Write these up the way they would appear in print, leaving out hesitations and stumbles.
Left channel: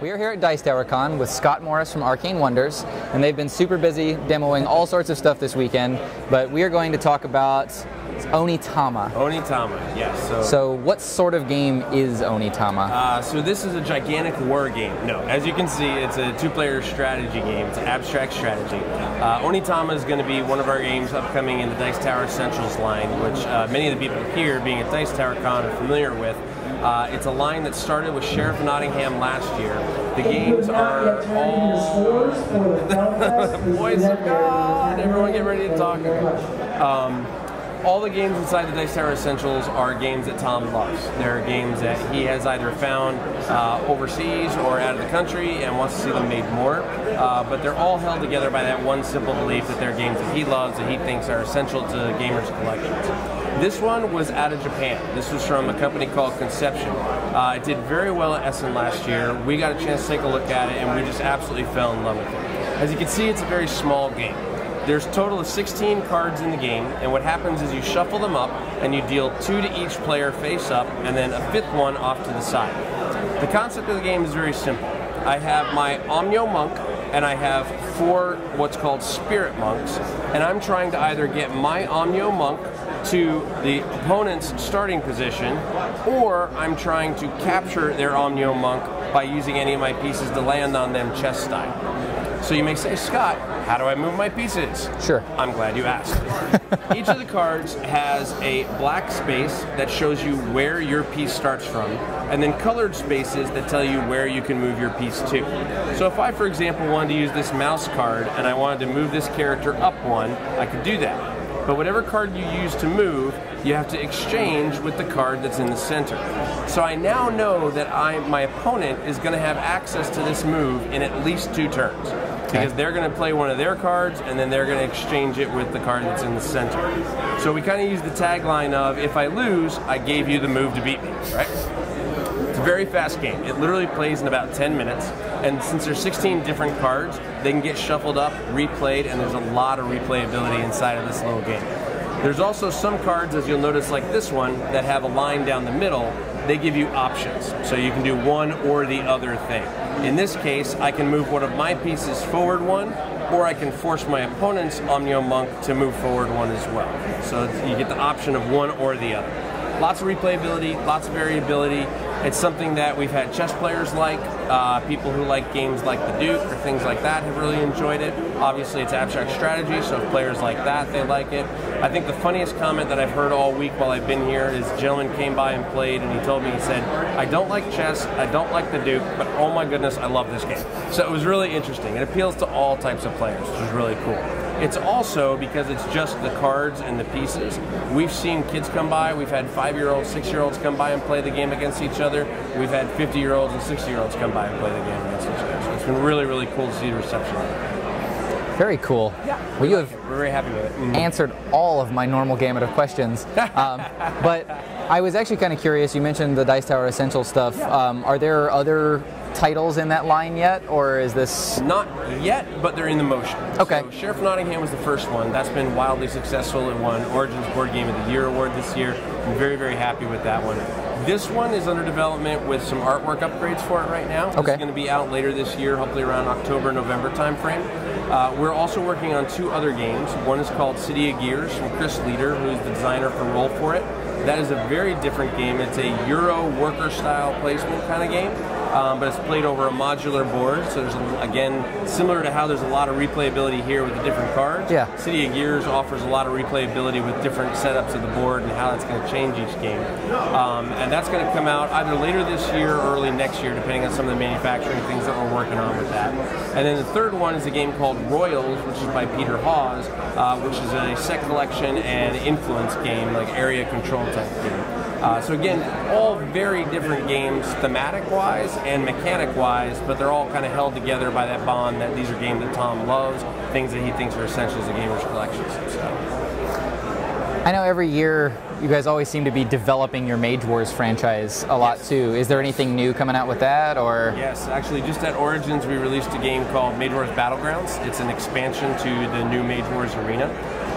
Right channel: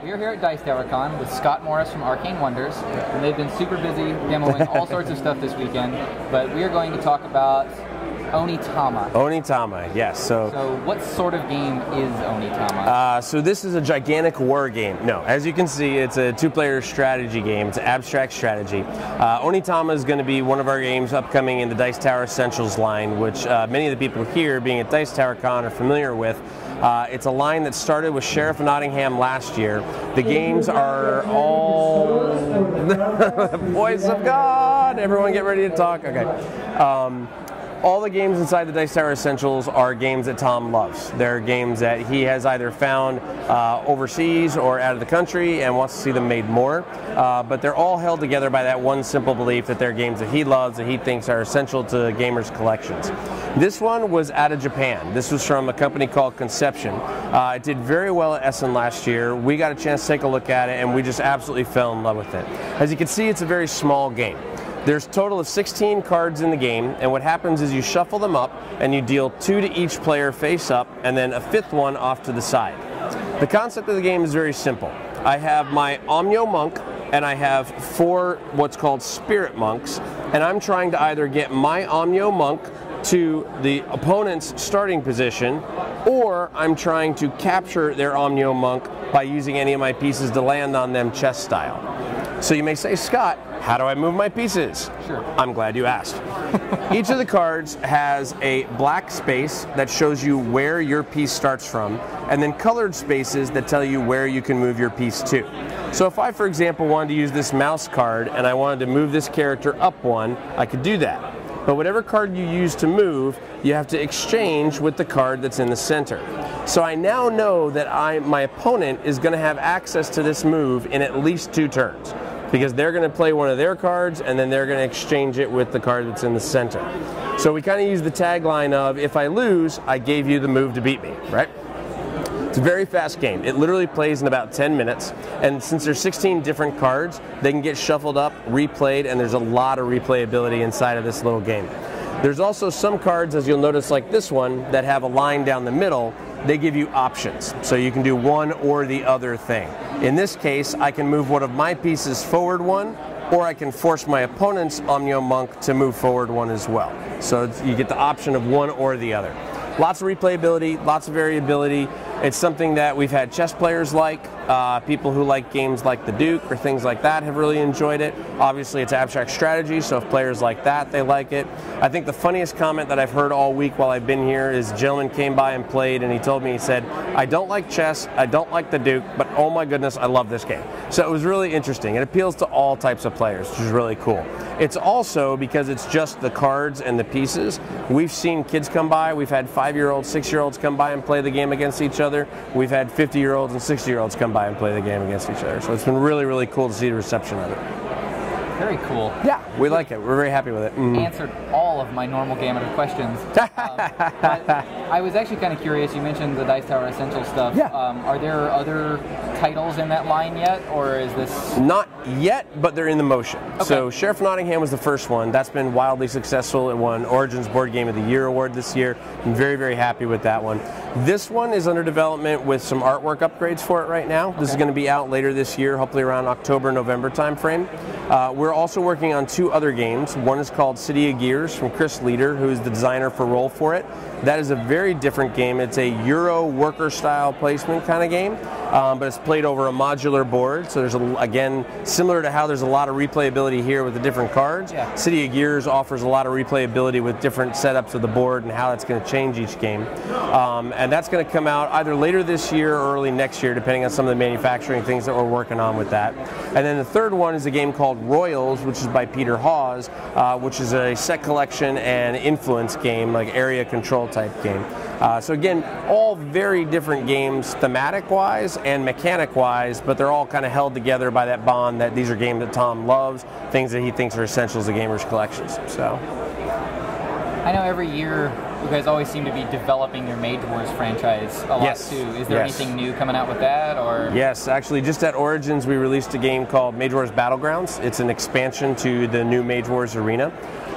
We are here at Dice Tower Con with Scott Morris from Arcane Wonders, and they've been super busy demoing all sorts of stuff this weekend, but we are going to talk about Oni Tama. Oni Tama, yes. So what sort of game is Oni Tama? So this is a gigantic war game. No, as you can see, it's a two-player strategy game. It's an abstract strategy. Oni Tama is going to be one of our games upcoming in the Dice Tower Essentials line, which many of the people here, being at Dice Tower Con, are familiar with. It's a line that started with Sheriff Nottingham last year. The games are all the voice of God. Everyone get ready to talk. Okay. All the games inside the Dice Tower Essentials are games that Tom loves. They're games that he has either found overseas or out of the country and wants to see them made more. But they're all held together by that one simple belief that they're games that he loves, that he thinks are essential to gamers' collections. This one was out of Japan. This was from a company called Conception. It did very well at Essen last year. We got a chance to take a look at it, and we just absolutely fell in love with it. As you can see, it's a very small game. There's a total of 16 cards in the game, and what happens is you shuffle them up, and you deal 2 to each player face up, and then a 5th one off to the side. The concept of the game is very simple. I have my Omnio Monk, and I have 4 what's called Spirit Monks, and I'm trying to either get my Omnio Monk to the opponent's starting position, or I'm trying to capture their Omnio Monk by using any of my pieces to land on them chess style. So you may say, Scott, how do I move my pieces? Sure. I'm glad you asked. Each of the cards has a black space that shows you where your piece starts from, and then colored spaces that tell you where you can move your piece to. So if I, for example, wanted to use this mouse card and I wanted to move this character up 1, I could do that. But whatever card you use to move, you have to exchange with the card that's in the center. So I now know that my opponent is going to have access to this move in at least 2 turns. Because they're going to play one of their cards, and then they're going to exchange it with the card that's in the center. So we kind of use the tagline of, if I lose, I gave you the move to beat me, right? It's a very fast game. It literally plays in about 10 minutes, and since there's 16 different cards, they can get shuffled up, replayed, and there's a lot of replayability inside of this little game. There's also some cards, as you'll notice like this one, that have a line down the middle. They give you options, so you can do one or the other thing. In this case, I can move one of my pieces forward 1, or I can force my opponent's Omnio Monk to move forward 1 as well. So you get the option of one or the other. Lots of replayability, lots of variability. It's something that we've had chess players like, people who like games like the Duke or things like that have really enjoyed it. Obviously it's abstract strategy, so if players like that, they like it. I think the funniest comment that I've heard all week while I've been here is a gentleman came by and played, and he told me, he said, I don't like chess, I don't like the Duke, but oh my goodness, I love this game. So it was really interesting. It appeals to all types of players, which is really cool. It's also, because it's just the cards and the pieces, we've seen kids come by, we've had 5-year-olds, 6-year-olds come by and play the game against each other. We've had 50-year-olds and 60-year-olds come by and play the game against each other. So it's been really, really cool to see the reception of it. Very cool. Yeah, we like it. We're very happy with it. Answered all of my normal gamut of questions. But I was actually kind of curious. You mentioned the Dice Tower Essential stuff. Yeah. Are there other titles in that line yet, or is this... Not yet, but they're in the motion. Okay. So Sheriff Nottingham was the first one. That's been wildly successful and won Origins Board Game of the Year award this year. I'm very, very happy with that one. This one is under development with some artwork upgrades for it right now. This is going to be out later this year, hopefully around October, November timeframe. We're also working on 2 other games. One is called City of Gears from Chris Leader, who's the designer for Roll For It. That is a very different game. It's a Euro worker style placement kind of game, but it's played over a modular board. So there's, again, similar to how there's a lot of replayability here with the different cards. Yeah. City of Gears offers a lot of replayability with different setups of the board and how it's going to change each game. And that's going to come out either later this year or early next year, depending on some of the manufacturing things that we're working on with that. And then the third one is a game called Royals, which is by Peter Hawes, which is a set collection and influence game, like area control type game. So again, all very different games thematic-wise and mechanic-wise, but they're all kind of held together by that bond that these are games that Tom loves, things that he thinks are essentials to gamers' collections. So, I know every year you guys always seem to be developing your Mage Wars franchise a lot too. Is there anything new coming out with that, or? Yes, actually, just at Origins we released a game called Mage Wars Battlegrounds. It's an expansion to the new Mage Wars arena.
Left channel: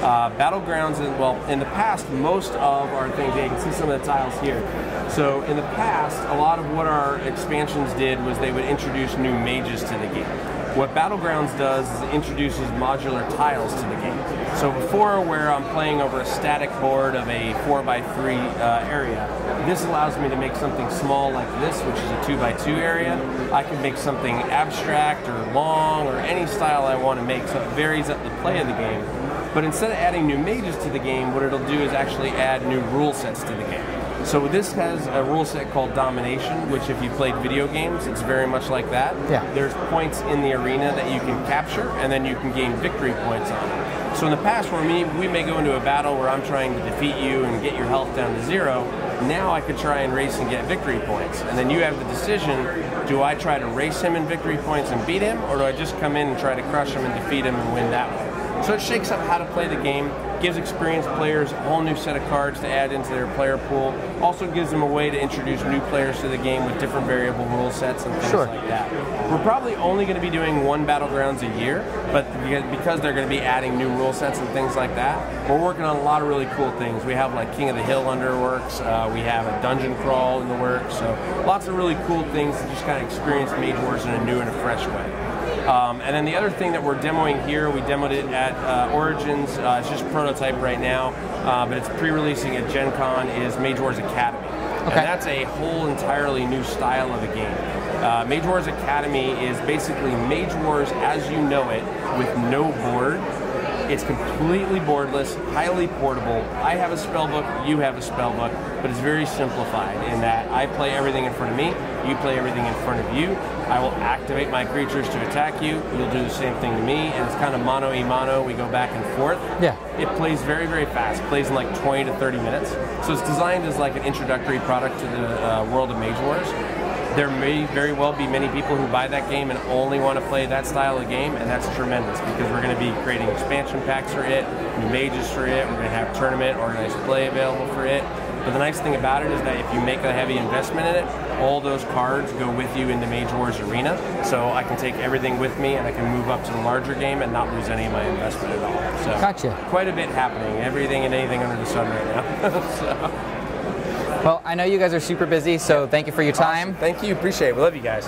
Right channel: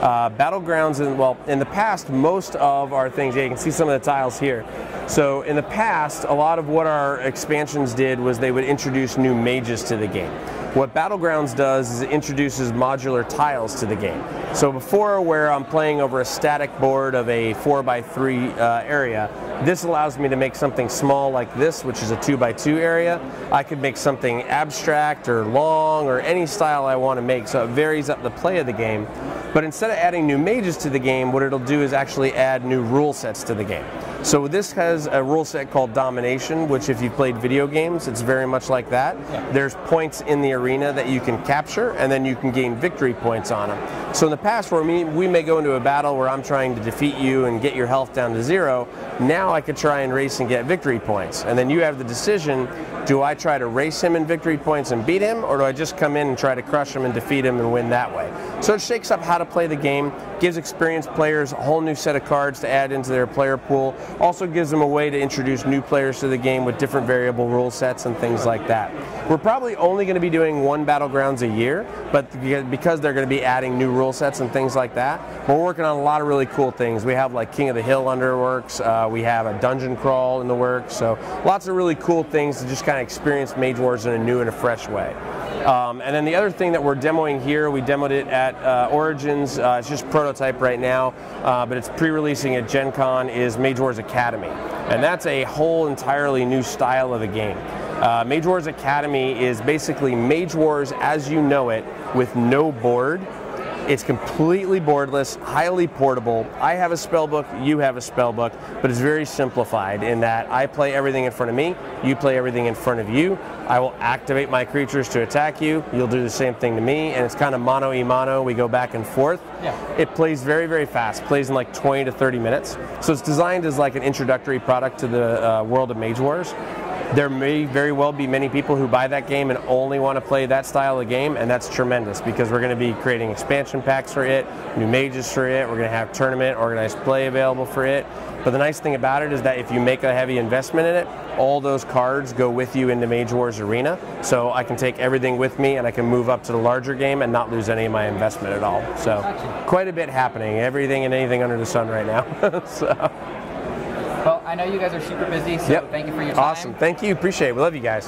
Battlegrounds, in the past, most of our things, you can see some of the tiles here. So in the past, a lot of what our expansions did was they would introduce new mages to the game. What Battlegrounds does is it introduces modular tiles to the game. So before, where I'm playing over a static board of a 4x3 area, this allows me to make something small like this, which is a 2x2 area. I can make something abstract or long or any style I want to make, so it varies up the play of the game. But instead of adding new mages to the game, what it'll do is actually add new rule sets to the game. So this has a rule set called Domination, which if you played video games, it's very much like that. Yeah. There's points in the arena that you can capture, and then you can gain victory points on them. So in the past, where we may go into a battle where I'm trying to defeat you and get your health down to 0, now I could try and race and get victory points. And then you have the decision, do I try to race him in victory points and beat him, or do I just come in and try to crush him and defeat him and win that way? So it shakes up how to play the game, gives experienced players a whole new set of cards to add into their player pool, also gives them a way to introduce new players to the game with different variable rule sets and things like that. We're probably only going to be doing one Battlegrounds a year, but because they're going to be adding new rule sets and things like that, we're working on a lot of really cool things. We have like King of the Hill under works, we have a dungeon crawl in the works, so lots of really cool things to just kind of experience Mage Wars in a new and a fresh way. And then the other thing that we're demoing here, we demoed it at Origins, it's just prototype right now, but it's pre-releasing at Gen Con, is Mage Wars Academy. Okay. And that's a whole entirely new style of the game. Mage Wars Academy is basically Mage Wars as you know it, with no board. It's completely boardless, highly portable. I have a spellbook, you have a spellbook, but it's very simplified in that I play everything in front of me, you play everything in front of you. I will activate my creatures to attack you, you'll do the same thing to me, and it's kind of mano-a-mano, we go back and forth. Yeah. It plays very, very fast, plays in like 20 to 30 minutes. So it's designed as like an introductory product to the world of Mage Wars. There may very well be many people who buy that game and only want to play that style of game, and that's tremendous because we're going to be creating expansion packs for it, new mages for it, we're going to have tournament, organized play available for it. But the nice thing about it is that if you make a heavy investment in it, all those cards go with you into Mage Wars Arena, so I can take everything with me and I can move up to the larger game and not lose any of my investment at all. So gotcha. Quite a bit happening, everything and anything under the sun right now. So. Well, I know you guys are super busy, so thank you for your time. Awesome. Thank you. Appreciate it. We love you guys.